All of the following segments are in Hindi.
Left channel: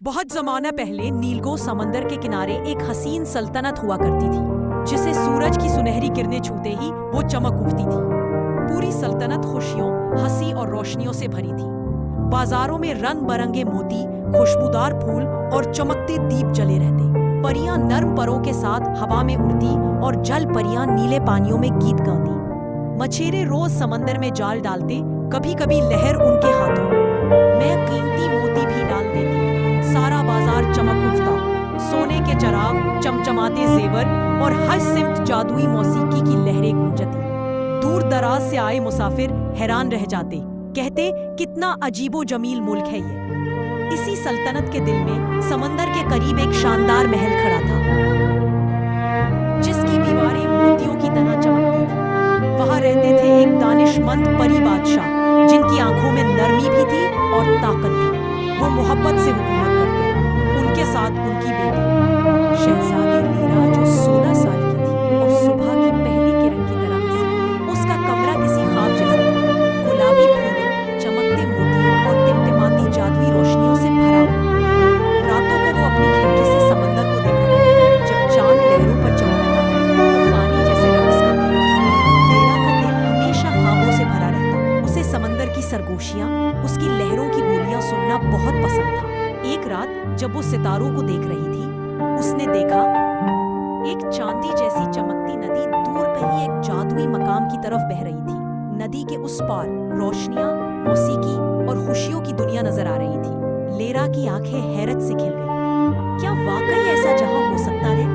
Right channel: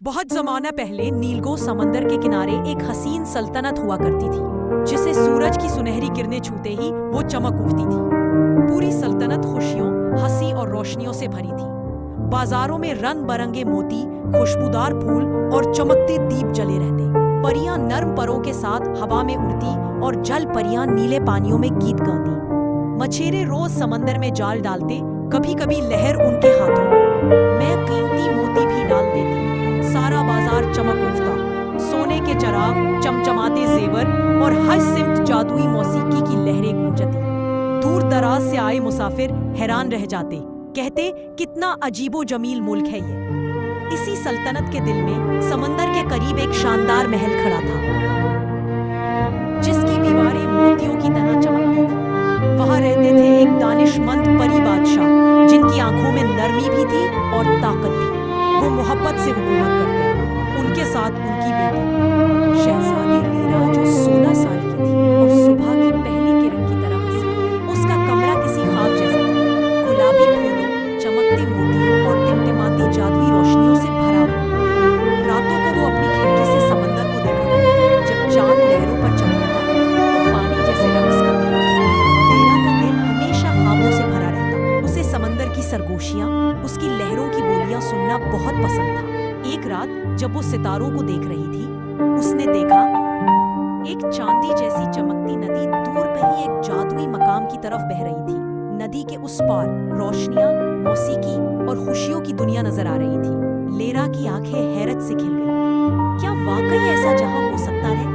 बहुत जमाना पहले नीलगो समंदर के किनारे एक हसीन सल्तनत हुआ करती थी, जिसे सूरज की सुनहरी किरणें छूते ही वो चमक उठती थी। पूरी सल्तनत खुशियों, हंसी और रोशनियों से भरी थी। बाजारों में रंग बरंगे मोती, खुशबूदार फूल और चमकते दीप जले रहते। परियां नर्म परों के साथ हवा में उड़ती और जल परियां नीले पानियों में गीत गाती। मछेरे रोज समंदर में जाल डालते, कभी कभी लहर उनके हाथों में कीमती मोती भी डाल देती। सारा बाजार चमक उठता, सोने के चिराग, चमचमाते जेवर और हर सिमत जादुई मौसीकी की लहरें गूंजती। दूर दराज से आए मुसाफिर हैरान रह जाते, कहते कितना अजीबो जमील मुल्क है ये। इसी सल्तनत के दिल में समंदर के करीब एक शानदार महल खड़ा था, जिसकी दीवारें मोतियों की तरह चमकती थी। वहां रहते थे एक दानिशमंद परी बादशाह, जिनकी आंखों में नरमी भी थी और ताकत भी। वो मोहब्बत से हुकूमत करते। उनके साथ उनकी बेटी शहजादी लीरा, जो 16 साल की थी और सुबह की पहली किरण की तरह हंसी। उसका कमरा किसी ख्वाब जैसा था, गुलाबी फूलों, चमकते मोतियों और टिमटिमाती जादुई रोशनियों से भरा हुआ। रातों को वो अपनी खिड़की से समंदर को देखा करता। जब चांद लहरों पर चमका था तो पानी जैसे रक्स करने लगा। लीरा का दिल हमेशा ख्वाबों से भरा रहता। उसे समंदर की सरगोशियां, उसकी लहरों की बोलियां सुनना बहुत पसंद था। एक रात जब वो सितारों को देख रही थी, उसने देखा एक चांदी जैसी चमकती नदी दूर कहीं एक जादुई मकाम की तरफ बह रही थी। नदी के उस पार रोशनियां, मौसीकी और खुशियों की दुनिया नजर आ रही थी। लीरा की आंखें हैरत से खिल गईं। क्या वाकई ऐसा जहां हो सकता है?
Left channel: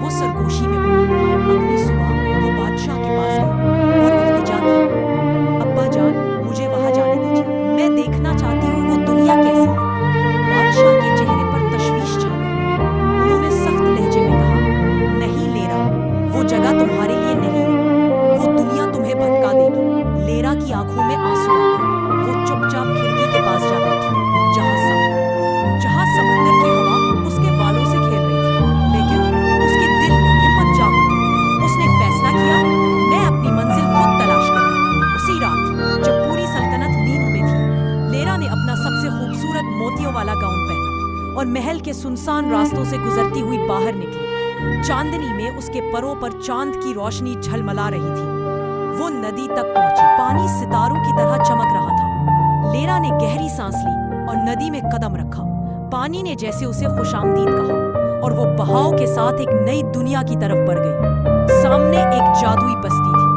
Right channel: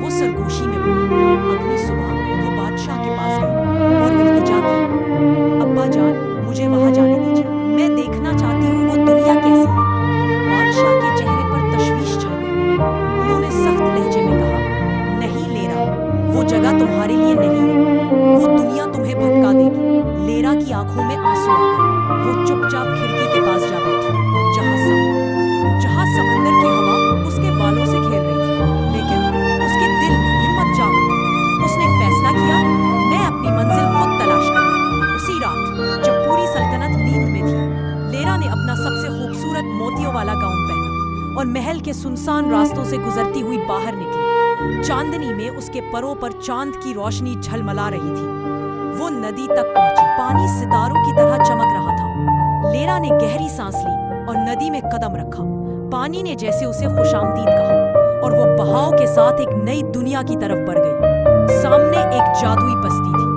वो सरगोशी में बोली। अगली सुबह वो बादशाह के पास गई और इल्तिजा की, अब्बा जान, मुझे वहां जाने दीजिए। मैं देखना चाहती हूँ वो दुनिया कैसी है। बादशाह के चेहरे पर तशवीश छा गई। उन्होंने सख्त लहजे में कहा, नहीं लीरा, वो जगह तुम्हारे लिए नहीं है। वो दुनिया तुम्हें भटका देगी। लीरा की आंखों में आंसू आ गए। वो चुपचाप खिड़की के पास जा बैठी, जहां समंदर की हवा उसके बालों से खेल रही थी। लेकिन उसके दिल में हिम्मत जाग उठी। उसने फैसला किया, मैं अपनी मंजिल खुद तलाश करूंगी। उसी रात जब पूरी सल्तनत नींद में थी, लीरा ने अपना सबसे खूबसूरत मोतियों वाला गाउन पहना और महल के सुनसान रास्तों से गुजरती हुई बाहर निकली। चांदनी में उसके परों पर चांद की रोशनी झलमला रही थी। वो नदी तक पहुंची। पानी सितारों की तरह चमक रहा था। लीरा ने गहरी सांस ली और नदी में कदम रखा। पानी ने जैसे उसे खुशामदीद कहा और वो बहाव के साथ एक नई दुनिया की तरफ बढ़ गई। सामने एक जादुई बस्ती थी,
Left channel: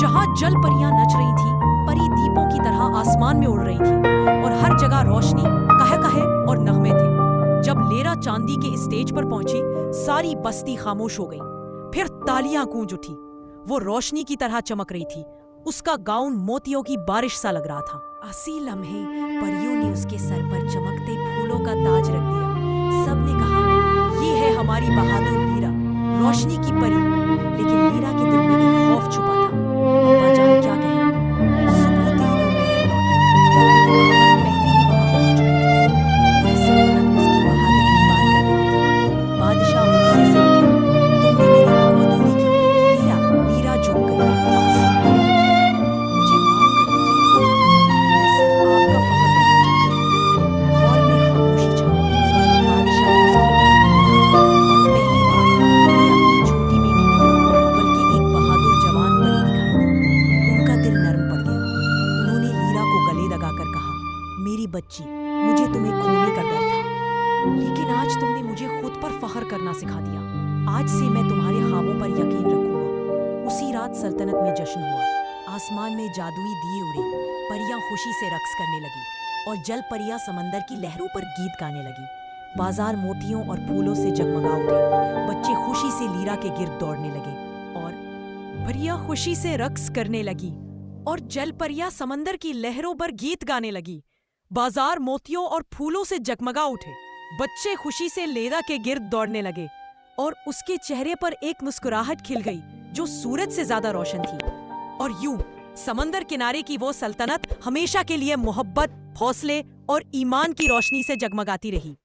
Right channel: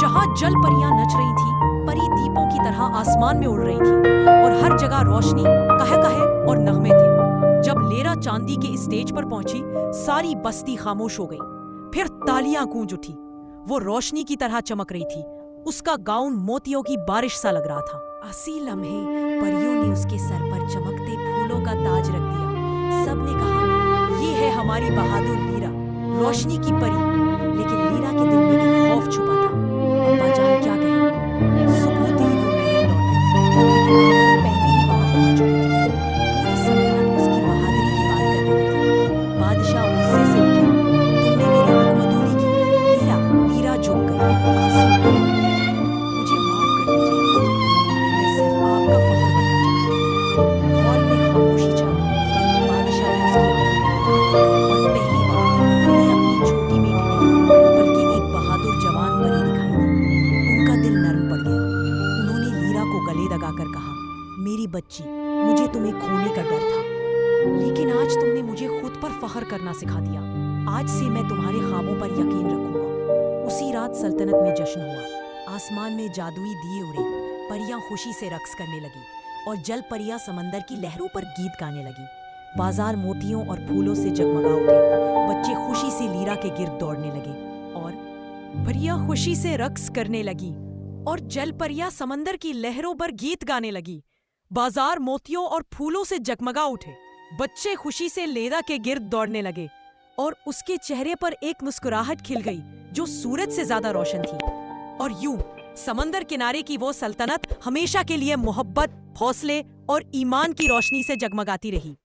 जहां जल परियां नच रही थी। परी दीपों की तरह आसमान में उड़ रही थी और हर जगह रोशनी, कहे और नगमे थे। जब लीरा चांदी के स्टेज पर पहुंची, सारी बस्ती खामोश हो गई। फिर तालियां गूंज उठी। वो रोशनी की तरह चमक रही थी। उसका गाउन मोतियों की बारिश सा लग रहा था। इसी लम्हे परियों ने उसके सर पर चमकते फूलों का ताज रख दिया। सबने कहा, ये है हमारी बहादुर लीरा, रोशनी की परी। लेकिन लीरा के दिल में एक खौफ छुपा था। अब्बा जान क्या कहेंगे? सुबह ही वो महल लौट आई, लेकिन खबर पहले ही वहां पहुंच चुकी थी। पूरी सल्तनत उसकी बहादुरी की बात कर रही थी। बादशाह गुस्से से उठे, तुमने मेरी हुकूमत दूरी की। लीरा झुक गई, आंसू बहे। मुझे माफ कर दीजिए अब्बा जान, मैं सिर्फ आपका फख्र बनना चाहती थी। हॉल में खामोशी छा गई। बादशाह ने उसकी आंखों में देखा और पहली बार उन्हें अपनी छोटी बेटी नहीं, बल्कि एक बहादुर जवान परी दिखाई दी। उनका दिल नर्म पड़ गया। उन्होंने लीरा को गले लगाकर कहा, मेरी बच्ची, मुझे तुम्हें खोने का डर था, लेकिन आज तुमने मुझे खुद पर फख्र करना सिखा दिया। आज से मैं तुम्हारे ख्वाबों पर यकीन रखूंगा। उसी रात सल्तनत में जश्न हुआ। आसमान में जादुई दिए उड़े, परियां खुशी से रक्स करने लगी और जल परियां समंदर की लहरों पर गीत गाने लगी। बाजार मोतियों और फूलों से जगमगा उठे। बच्चे खुशी से लीरा के गिर्द दौड़ने लगे और परियां खुशी से रक्स करने लगी और जल परियां समंदर की लहरों पर गीत गाने लगी। बाजार मोतियों और फूलों से जगमगा उठे। बच्चे खुशी से लीरा के गिर्द दौड़ने लगे और उसके चेहरे पर एक मुस्कुराहट खिल गई, जो सूरज से ज्यादा रोशन थी। और यूं समंदर किनारे की वो सल्तनत हमेशा के लिए मोहब्बत, हौसले और ईमान की रोशनी से जगमगाती रही।